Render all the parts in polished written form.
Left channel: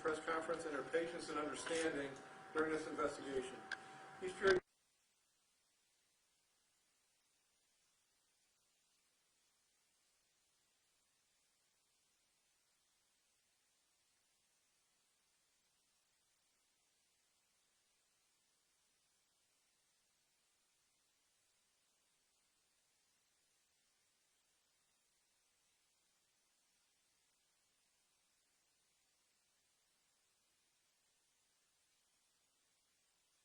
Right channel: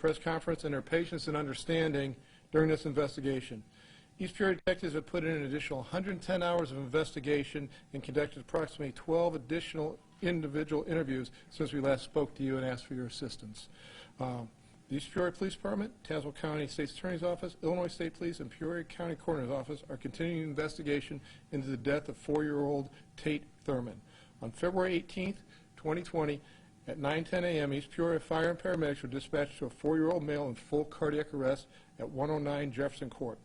press conference and their patience and understanding during this investigation. East Peoria detectives have put in an additional 110 hours of investigation and conducted approximately 12 additional individual interviews since we last spoke to you and asked for your assistance. The East Peoria Police Department, Tazewell County State's Attorney's Office, Illinois State Police, and Peoria County Coroner's Office are continuing an investigation into the death of 4-year-old Tate Thurman. On February 18, 2020, at 9:10 a.m., East Peoria Fire and paramedics were dispatched to a 4-year-old male in full cardiac arrest at 109 Jefferson Court.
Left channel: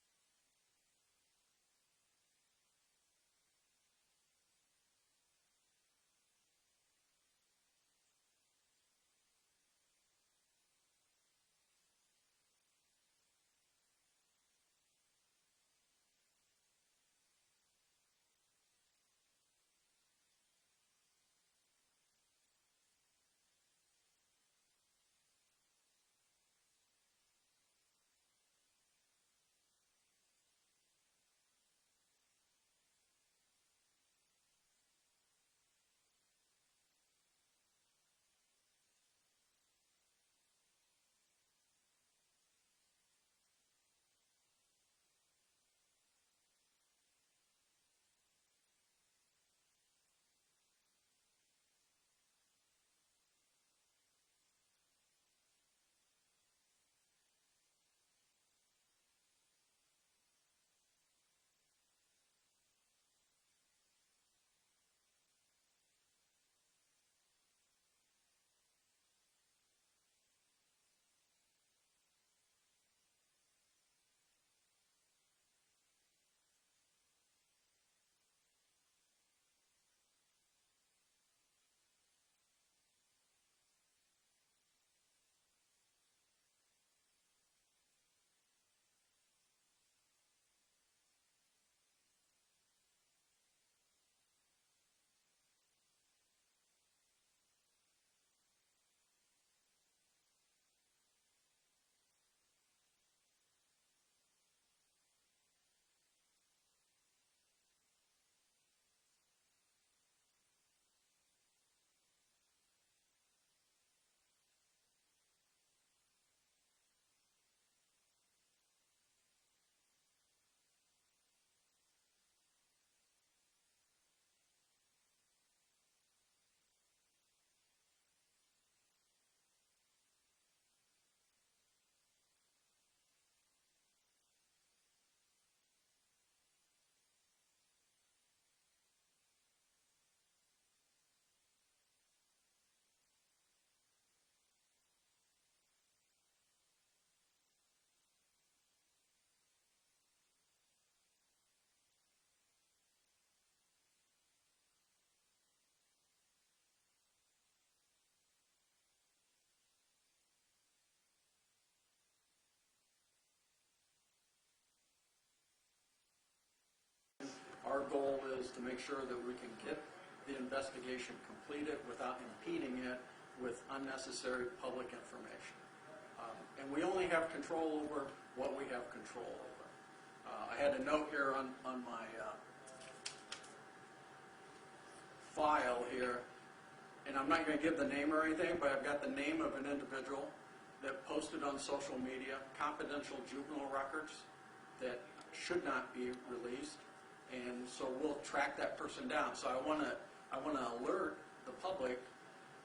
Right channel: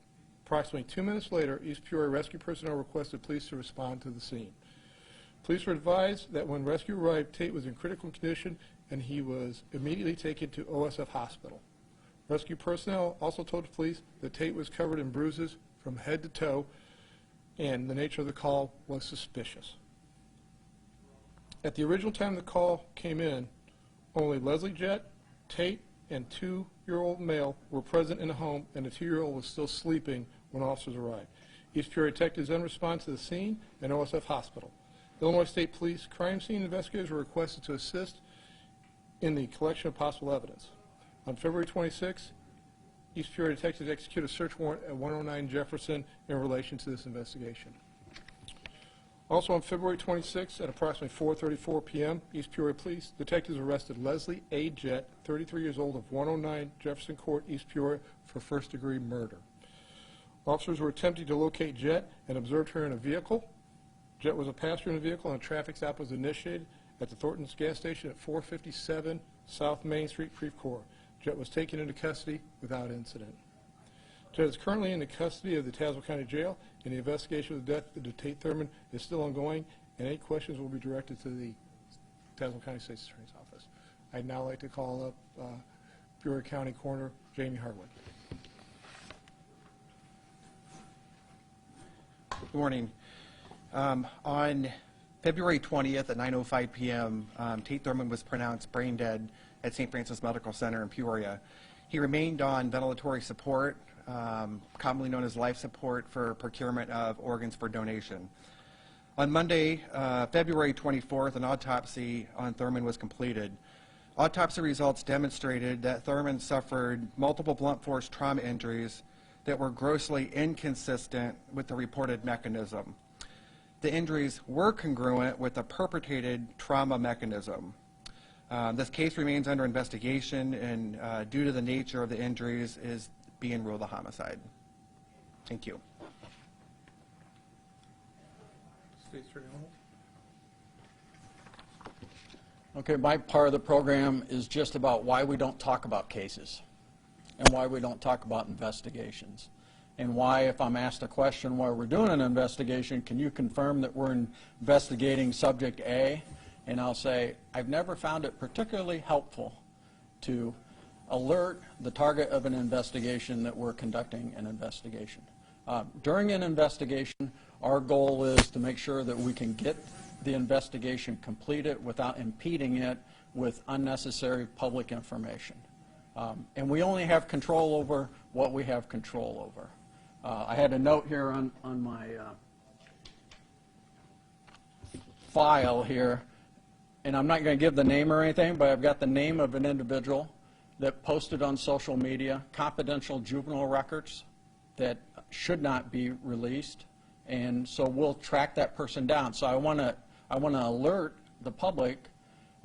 Approximately 2 minutes later, East Peoria rescue personnel requested police to respond to the scene. Police were advised that when rescue arrived, Tate was in critical condition and he was immediately taken to OSF Hospital. Rescue personnel also told the police that Tate was covered in bruises from head to toe and the nature of the call was suspicious. At the original time the call came in, only Leslie Jett, Tate, and 2-year-old male were present in the home, and the 2-year-old was still sleeping when officers arrived. East Peoria detectives then responded to the scene and OSF Hospital. Illinois State Police crime scene investigators were requested to assist in the collection of possible evidence. On February 26, East Peoria detectives executed a search warrant at 109 Jefferson in relation to this investigation. Also on February 26 at approximately 4:34 p.m., East Peoria Police detectives arrested Leslie A. Jett, 33 years old, of 109 Jefferson Court, East Peoria, for first-degree murder. Officers were attempting to locate Jett and observed her in a vehicle. Jett was a passenger in the vehicle, and a traffic stop was initiated at the Thornton's gas station at 457 South Main Street, Creve Coeur. Jett was taken into custody without incident. Jett is currently in the custody of the Tazewell County Jail, and the investigation of the death of Tate Thurman is still ongoing, and any questions will be directed to the Tazewell County State's Attorney's Office. I'd now like to call up Peoria County Coroner Jamie Harwood. Good morning. On February 20th at 9:05 p.m., Tate Thurman was pronounced brain dead at St. Francis Medical Center in Peoria. He remained on ventilatory support, commonly known as life support, for procurement of organs for donation. On Monday, February 24th, an autopsy on Thurman was completed. Autopsy results demonstrated that Thurman suffered multiple blunt force trauma injuries that were grossly inconsistent with the reported mechanism. The injuries were congruent with the perpetrated trauma mechanism. This case remains under investigation, and due to the nature of the injuries, is being ruled a homicide. Thank you. Okay, my part of the program is just about why we don't talk about cases and why we don't talk about investigations, and why, if I'm asked a question while we're doing an investigation, can you confirm that we're investigating subject A? And I'll say, I've never found it particularly helpful to alert the target of an investigation that we're conducting an investigation. During an investigation, our goal is to make sure that we can get the investigation completed without impeding it with unnecessary public information. And we only have control over what we have control over. I had a note here on my file here, and I'm not going to give the name or anything, but I've got the name of an individual that posted on social media confidential juvenile records that should not be released, and so we'll track that person down. So I want to alert the public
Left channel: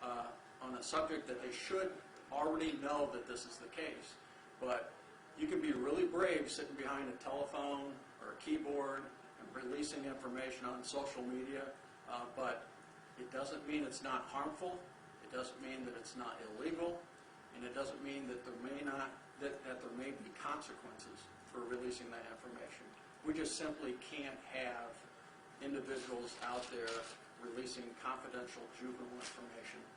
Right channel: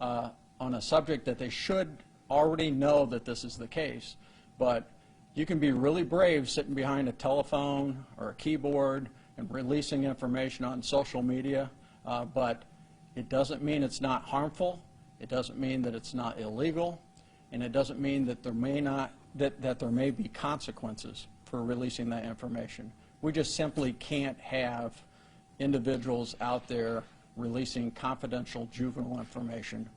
on a subject that they should already know that this is the case, but you can be really brave sitting behind a telephone or a keyboard and releasing information on social media, but it doesn't mean it's not harmful, it doesn't mean that it's not illegal, and it doesn't mean that there may be consequences for releasing that information. We just simply can't have individuals out there releasing confidential juvenile information,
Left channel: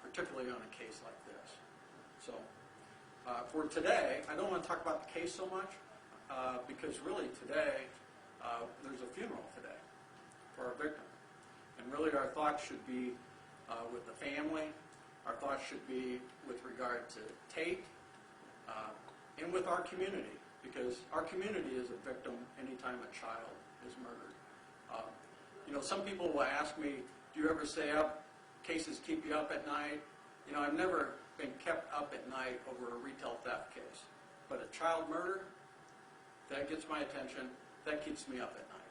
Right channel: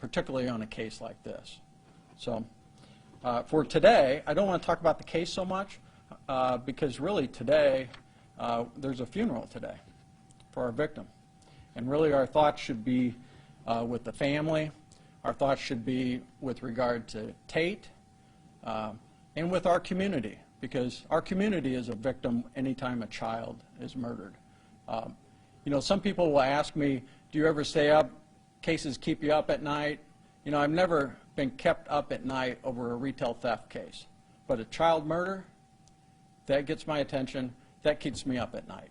particularly on a case like this. So for today, I don't want to talk about the case so much because really today, there's a funeral today for our victim. And really our thoughts should be with the family. Our thoughts should be with regard to Tate and with our community, because our community is a victim anytime a child is murdered. You know, some people will ask me, do you ever stay up? Cases keep you up at night? You know, I've never been kept up at night over a retail theft case. But a child murder, that gets my attention, that keeps me up at night.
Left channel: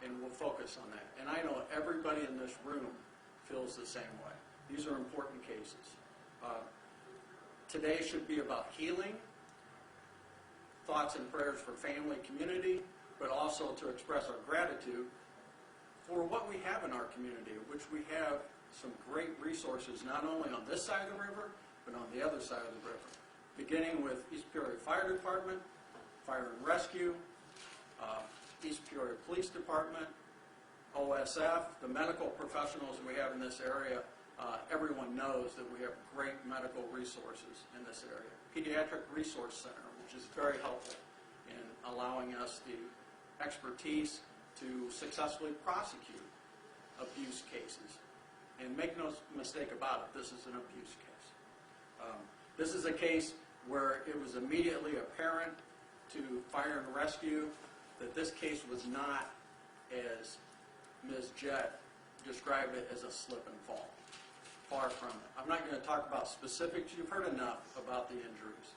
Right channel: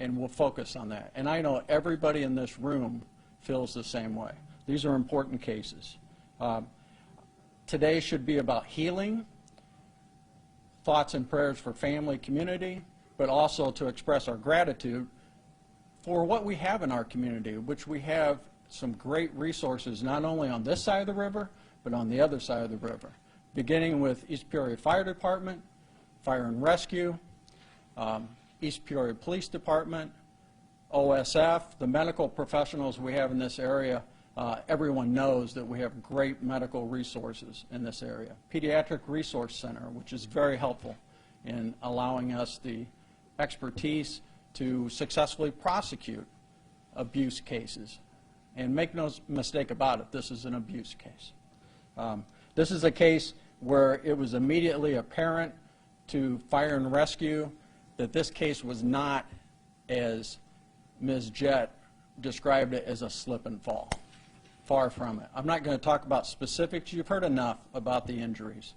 And we'll focus on that. And I know everybody in this room feels the same way. These are important cases. Today should be about healing, thoughts and prayers for family, community, but also to express our gratitude for what we have in our community, which we have some great resources, not only on this side of the river, but on the other side of the river, beginning with East Peoria Fire Department, Fire and Rescue, East Peoria Police Department, OSF, the medical professionals we have in this area. Everyone knows that we have great medical resources in this area. Pediatric Resource Center, which is very helpful in allowing us the expertise to successfully prosecute abuse cases. And make no mistake about it, this is an abuse case. This is a case where it was immediately apparent to Fire and Rescue that this case was not, as Ms. Jett described it, as a slip and fall. Far from it. I'm not going to talk about specifics. You've heard enough about the injuries.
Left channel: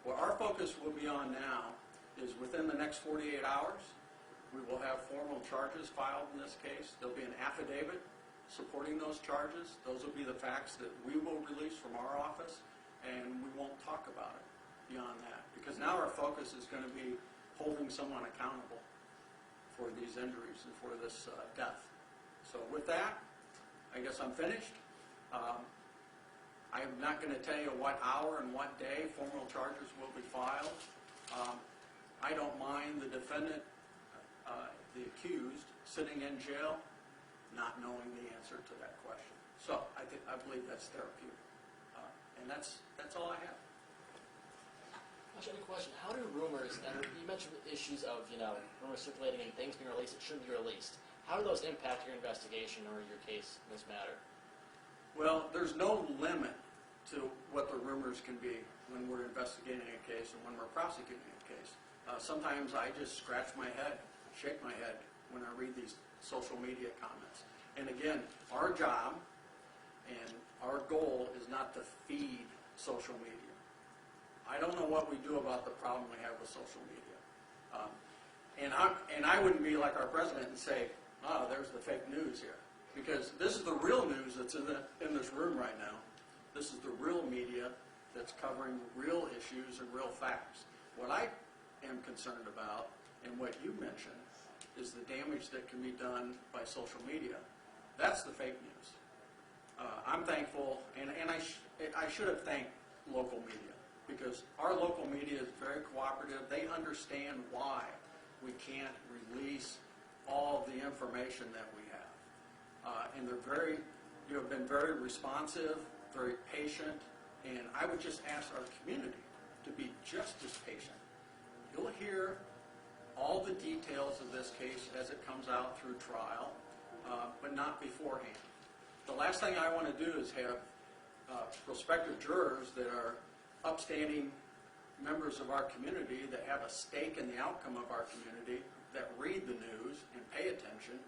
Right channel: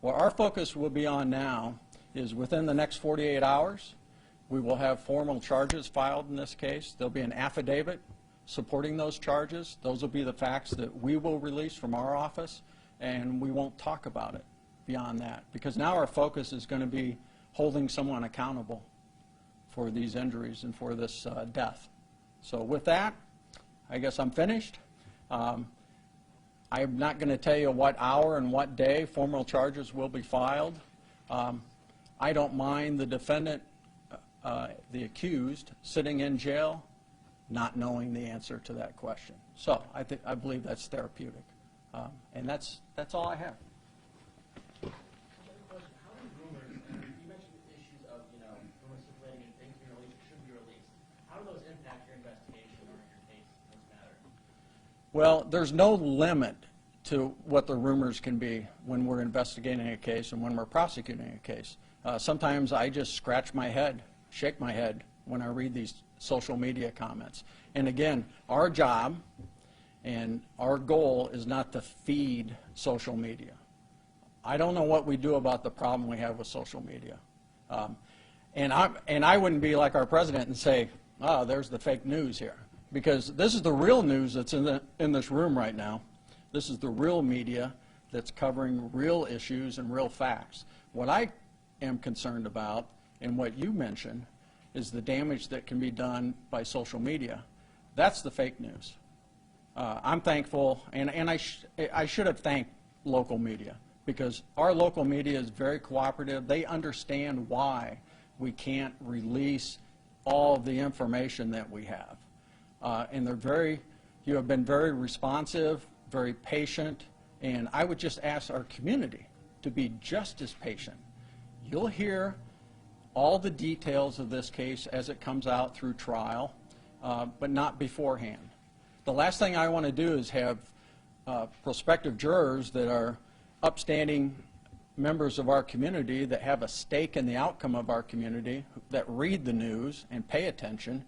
What our focus will be on now is within the next 48 hours, we will have formal charges filed in this case. There'll be an affidavit supporting those charges. Those will be the facts that we will release from our office, and we won't talk about it beyond that, because now our focus is going to be holding someone accountable for these injuries and for this death. So with that, I guess I'm finished. I'm not going to tell you what hour and what day formal charges will be filed. I don't mind the defendant, the accused, sitting in jail not knowing the answer to that question. So I believe that's therapeutic. And that's all I have. Actually, a question. How do rumors, and you mentioned issues of, rumors circulating and things being released that shouldn't be released. How do those impact your investigation or your case in this matter? Well, there's no limit to what the rumors can be when we're investigating a case and when we're prosecuting a case. Sometimes I just scratch my head, shake my head when I read these social media comments. And again, our job and our goal is not to feed social media. I don't know what we do about the problem we have with social media. And I wouldn't be like our president and say, there's the fake news here. Because this is the real news that's in this room right now. This is the real media that's covering real issues and real facts. What I am concerned about, and what you mentioned, is the damage that can be done by social media. That's the fake news. I'm thankful, and I should have thanked local media, because our local media is very cooperative. They understand why we can't release all the information that we have. And you have been very responsive, very patient, and I would just ask our community to be just as patient. You'll hear all the details of this case as it comes out through trial, but not beforehand. The last thing I want to do is have prospective jurors that are upstanding members of our community that have a stake in the outcome of our community, that read the news and pay attention.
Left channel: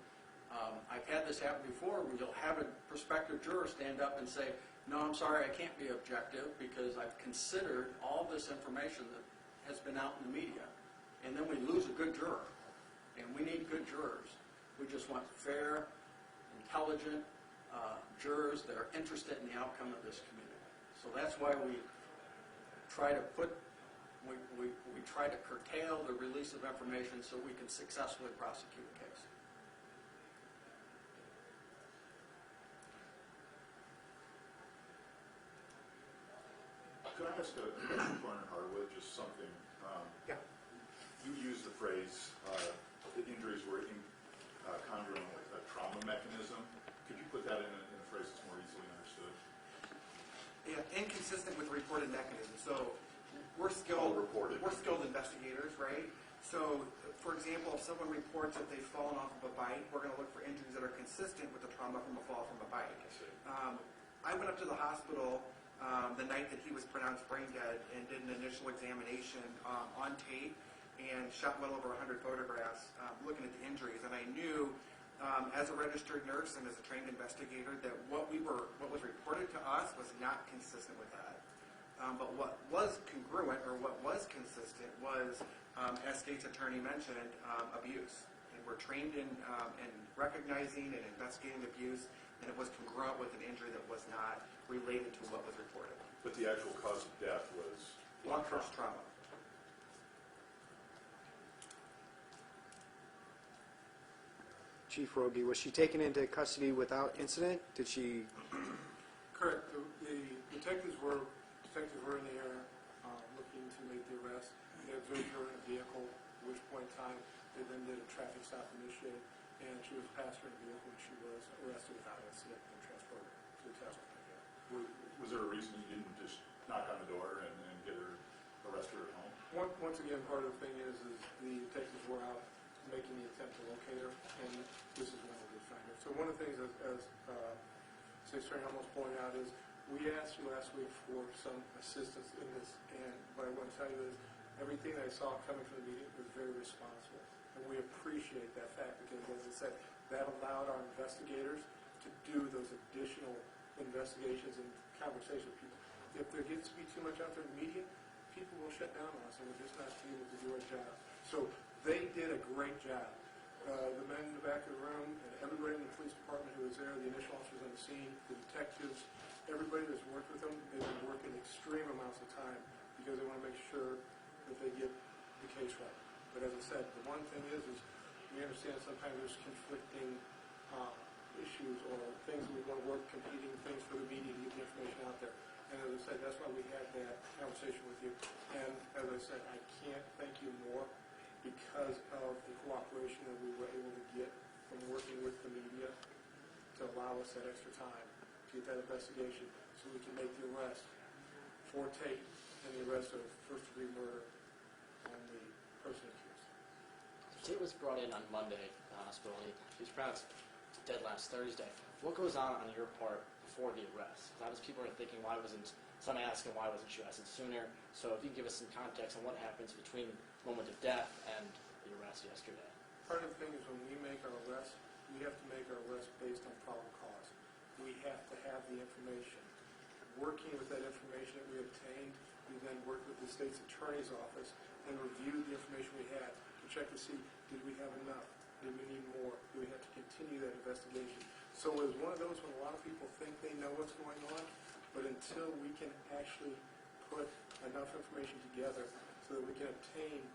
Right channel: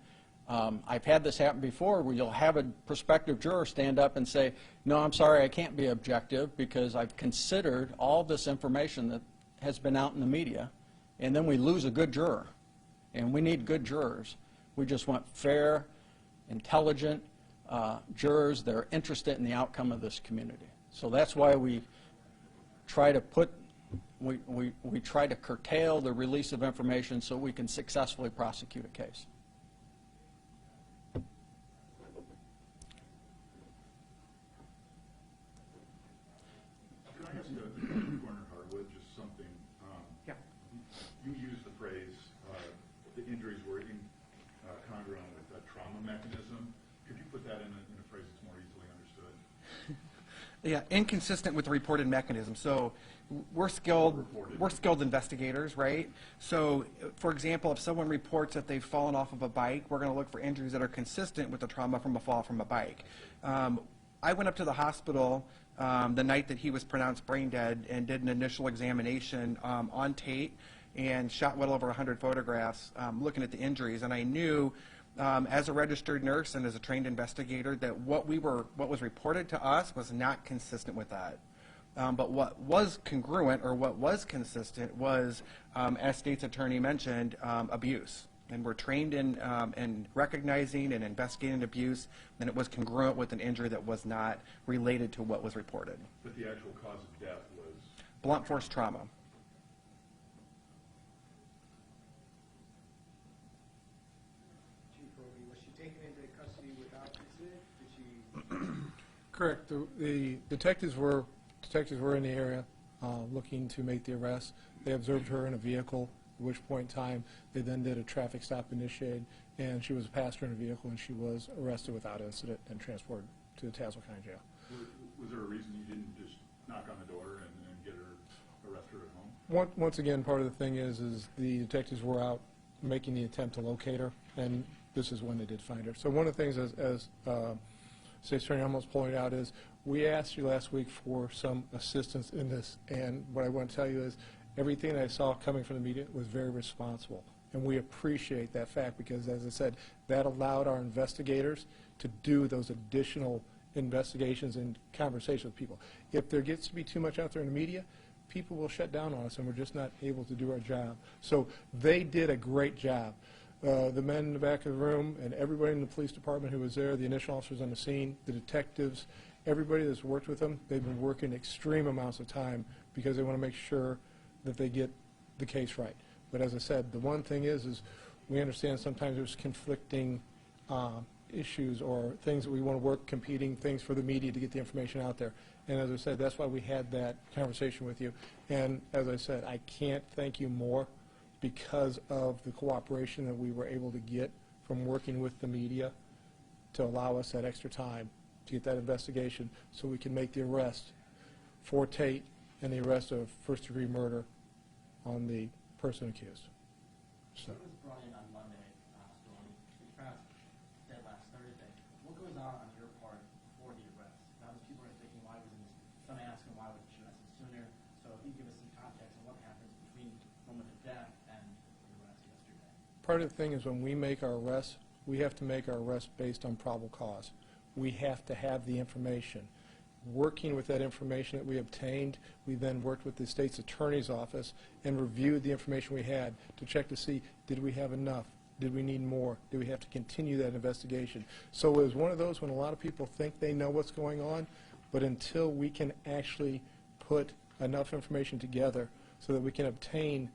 I've had this happen before where you'll have a prospective juror stand up and say, no, I'm sorry, I can't be objective because I've considered all this information that has been out in the media, and then we lose a good juror. And we need good jurors. We just want fair, intelligent jurors that are interested in the outcome of this community. So that's why we try to we try to curtail the release of information so we can successfully prosecute a case. Could I ask Learner Harwood just something? Yeah. You used the phrase the injuries were congruent with a trauma mechanism. Could you put that in a phrase that's more easily understood? Yeah, inconsistent with the reported mechanism. So we're skilled investigators, right? So, for example, if someone reports that they've fallen off of a bike, we're going to look for injuries that are consistent with the trauma from a fall from a bike. I went up to the hospital the night that he was pronounced brain dead and did an initial examination on tape and shot well over 100 photographs looking at the injuries. And I knew, as a registered nurse and as a trained investigator, that what was reported to us was not consistent with that. But what was congruent or what was consistent was, as state's attorney mentioned, abuse. And we're trained in recognizing and investigating abuse, and it was congruent with an injury that was not related to what was reported. But the actual cause of death was? Blunt force trauma. Chief Rogie, was she taken into custody without incident? Did she? Correct. The detectives were in the area looking to make the arrest. They observed her in a vehicle, at which point in time they then did a traffic stop initiated, and she was a passenger in a vehicle, and she was arrested without incident and transported to the Tazewell County Jail. Was there a reason you didn't just knock on the door and get her arrested at home? Once again, part of the thing is the detectives were out making the attempt to locate her, and this is when they did find her. So one of the things, as State Attorney almost pointed out, is we asked you last week for some assistance in this, and what I want to tell you is everything I saw coming from the media was very responsible, and we appreciate that fact because, as I said, that allowed our investigators to do those additional investigations and conversations with people. If there gets to be too much out there in the media, people will shut down on us, and we're just not able to do our job. So they did a great job. The men in the back of the room and everybody in the police department who was there, the initial officers on the scene, the detectives, everybody that's worked with them, they've been working extreme amounts of time because they want to make sure that they get the case right. But as I said, the one thing is we understand sometimes there's conflicting issues or things that we want to work, competing things for the media to get the information out there. And as I said, that's why we had that conversation with you. And as I said, I can't thank you more because of the cooperation that we were able to get from working with the media to allow us that extra time to get that investigation so we can make the arrest for Tate and the arrest of first-degree murder on the person accused. Tate was brought in on Monday to the hospital, and he was pronounced dead last Thursday. What goes on your part before the arrest? Obviously, people are thinking, why wasn't, some asking why wasn't she arrested sooner? So if you can give us some context on what happens between the moment of death and the arrest yesterday. Part of the thing is when we make our arrests, we have to make our arrests based on probable cause. We have to have the information. Working with that information that we obtained, we then worked with the state's attorney's office and reviewed the information we had to check to see, did we have enough? Did we need more? Do we have to continue that investigation? So it was one of those when a lot of people think they know what's going on, but until we can actually put enough information together so that we can obtain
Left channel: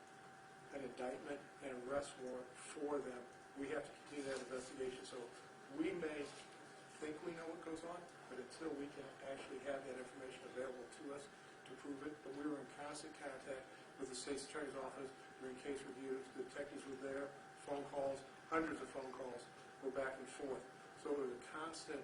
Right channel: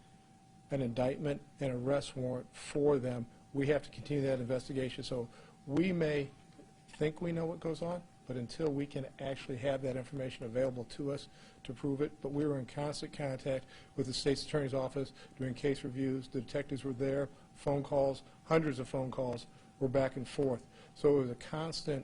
an indictment and arrest warrant for them, we have to continue that investigation. So we may think we know what goes on, but until we can actually have that information available to us to prove it. But we were in constant contact with the state's attorney's office doing case reviews. The detectives were there, phone calls, hundreds of phone calls were back and forth. So it was a constant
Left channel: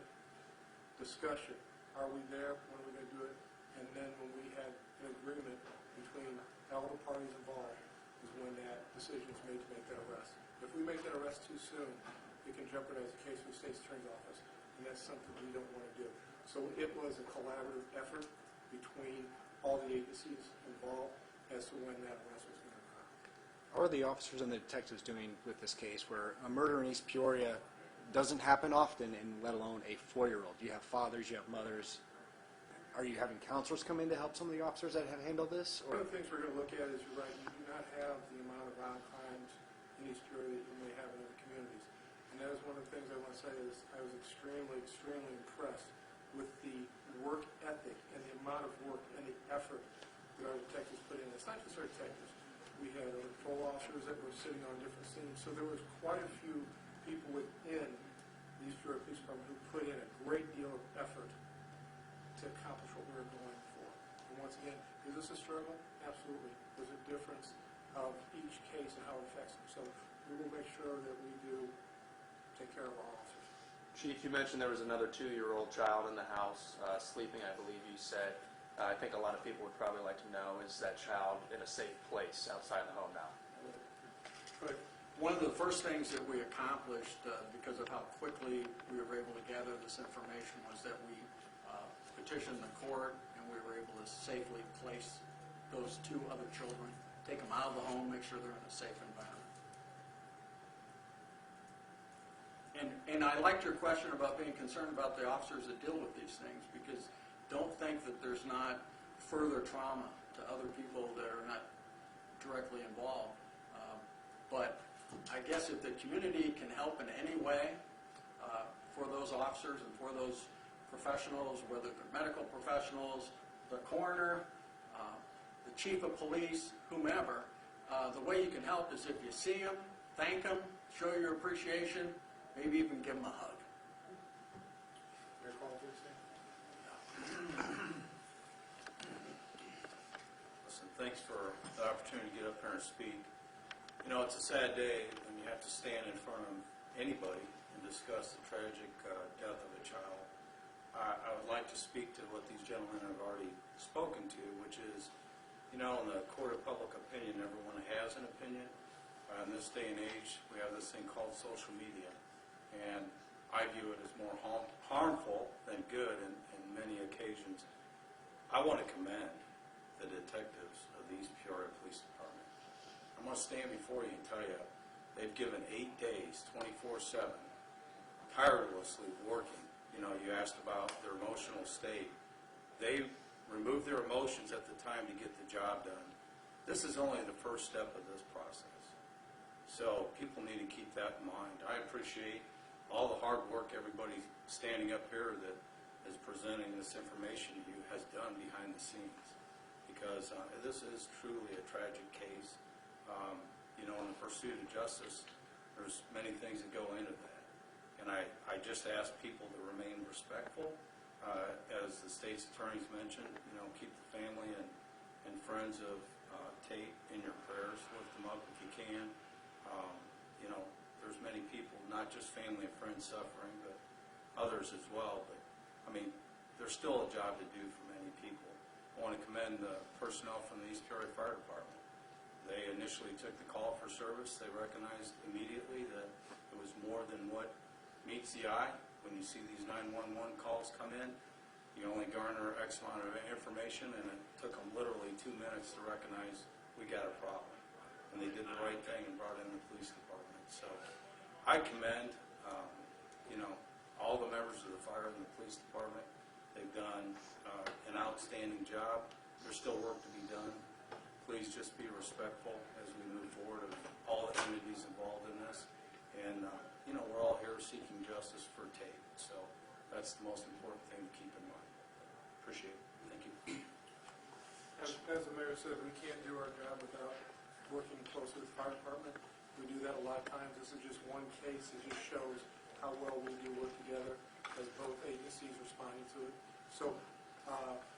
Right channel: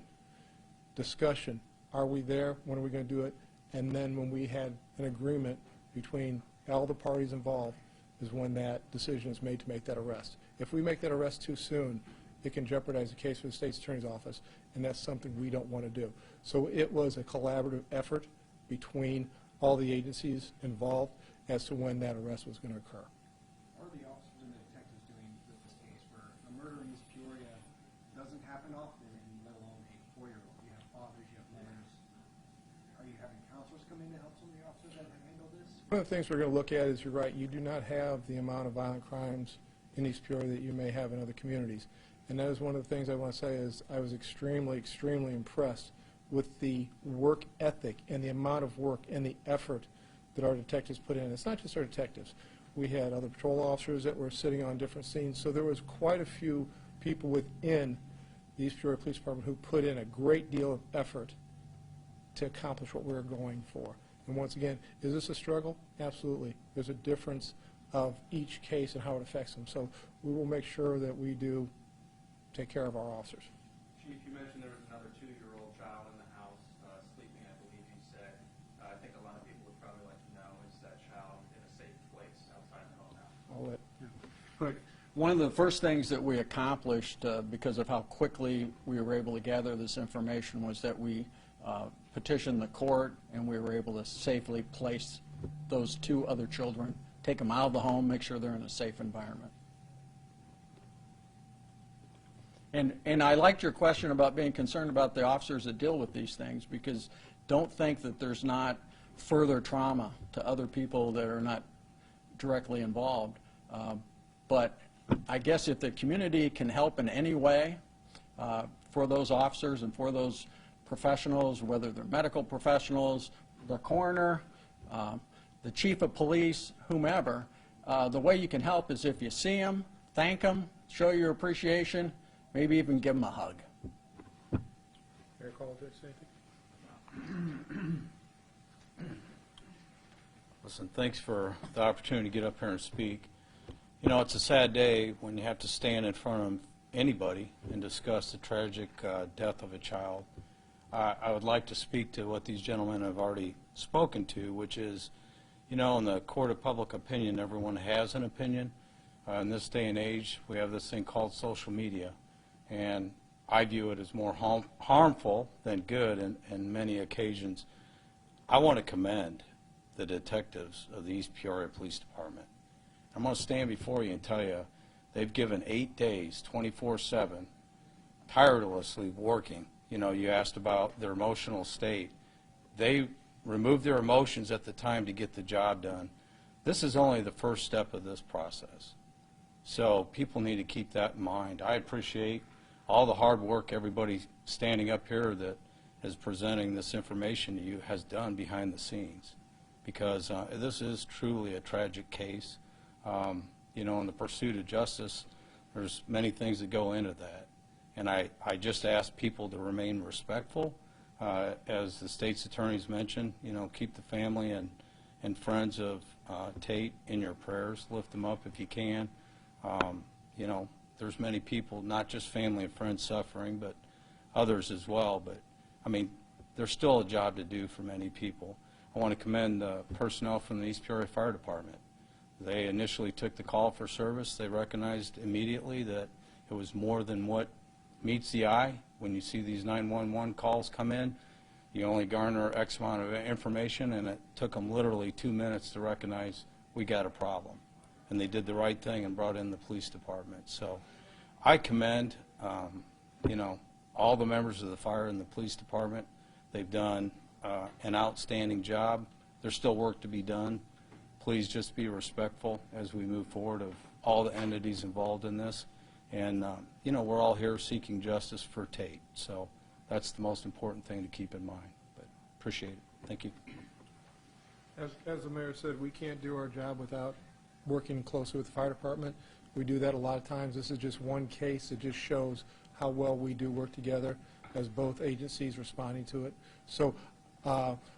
discussion. Are we there? When are we going to do it? And then when we had an agreement between all the parties involved is when that decision is made to make that arrest. If we make that arrest too soon, it can jeopardize the case for the state's attorney's office, and that's something we don't want to do. So it was a collaborative effort between all the agencies involved as to when that arrest was going to occur. How are the officers and the detectives doing with this case where a murder in East Peoria doesn't happen often, and let alone a 4-year-old? You have fathers, you have mothers. Are you having counselors come in to help some of the officers that have handled this? One of the things we're going to look at is, you're right, you do not have the amount of violent crimes in East Peoria that you may have in other communities. And that is one of the things I want to say is I was extremely, extremely impressed with the work ethic and the amount of work and the effort that our detectives put in. It's not just our detectives. We had other patrol officers that were sitting on different scenes. So there was quite a few people within the East Peoria Police Department who put in a great deal of effort to accomplish what we were going for. And once again, is this a struggle? Absolutely. There's a difference of each case and how it affects them. So we will make sure that we do take care of our officers. Chief, you mentioned there was another 2-year-old child in the house sleeping, I believe you said. I think a lot of people would probably like to know, is that child in a safe place outside the home now? I'll let Right. One of the first things that we accomplished because of how quickly we were able to gather this information was that we petitioned the court, and we were able to safely place those 2 other children, take them out of the home, make sure they're in a safe environment. And I liked your question about being concerned about the officers that deal with these things, because don't think that there's not further trauma to other people that are not directly involved. But I guess if the community can help in any way for those officers and for those professionals, whether they're medical professionals, the coroner, the chief of police, whomever, the way you can help is if you see them, thank them, show your appreciation, maybe even give them a hug. Mayor Call, please. Thank you. Listen, thanks for the opportunity to get up here and speak. You know, it's a sad day when you have to stand in front of anybody and discuss the tragic death of a child. I would like to speak to what these gentlemen have already spoken to, which is, you know, in the court of public opinion, everyone has an opinion. In this day and age, we have this thing called social media, and I view it as more harmful than good in many occasions. I want to commend the detectives of the East Peoria Police Department. I'm going to stand before you and tell you they've given 8 days, 24/7, tirelessly working. You know, you asked about their emotional state. They removed their emotions at the time to get the job done. This is only the first step of this process. So people need to keep that in mind. I appreciate all the hard work everybody standing up here that is presenting this information to you has done behind the scenes, because this is truly a tragic case. You know, in the pursuit of justice, there's many things that go into that. And I just ask people to remain respectful. As the state's attorneys mentioned, you know, keep the family and friends of Tate in your prayers. Lift them up if you can. You know, there's many people, not just family and friends suffering, but others as well. But, I mean, there's still a job to do for many people. I want to commend the personnel from the East Peoria Fire Department. They initially took the call for service. They recognized immediately that it was more than what meets the eye. When you see these 911 calls come in, you only garner X amount of information, and it took them literally 2 minutes to recognize we got a problem. And they did the right thing and brought in the police department. So I commend, you know, all the members of the fire and the police department. They've done an outstanding job. There's still work to be done. Please just be respectful as we move forward of all the entities involved in this. And, you know, we're all here seeking justice for Tate. So that's the most important thing to keep in mind. But appreciate it. Thank you. As the mayor said, we can't do our job without working closely with the fire department. We do that a lot of times. This is just one case. It just shows how well we do work together as both agencies responding to it. So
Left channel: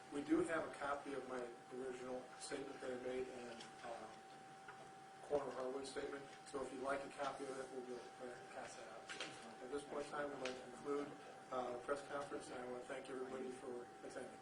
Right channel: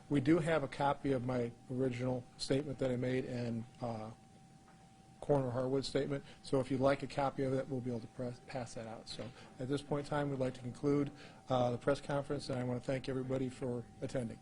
we do have a copy of my original statement that I made and Coroner Harwood's statement. So if you'd like a copy of it, we'll be able to pass that out. So at this point in time, we'd like to conclude the press conference, and I want to thank everybody for attending.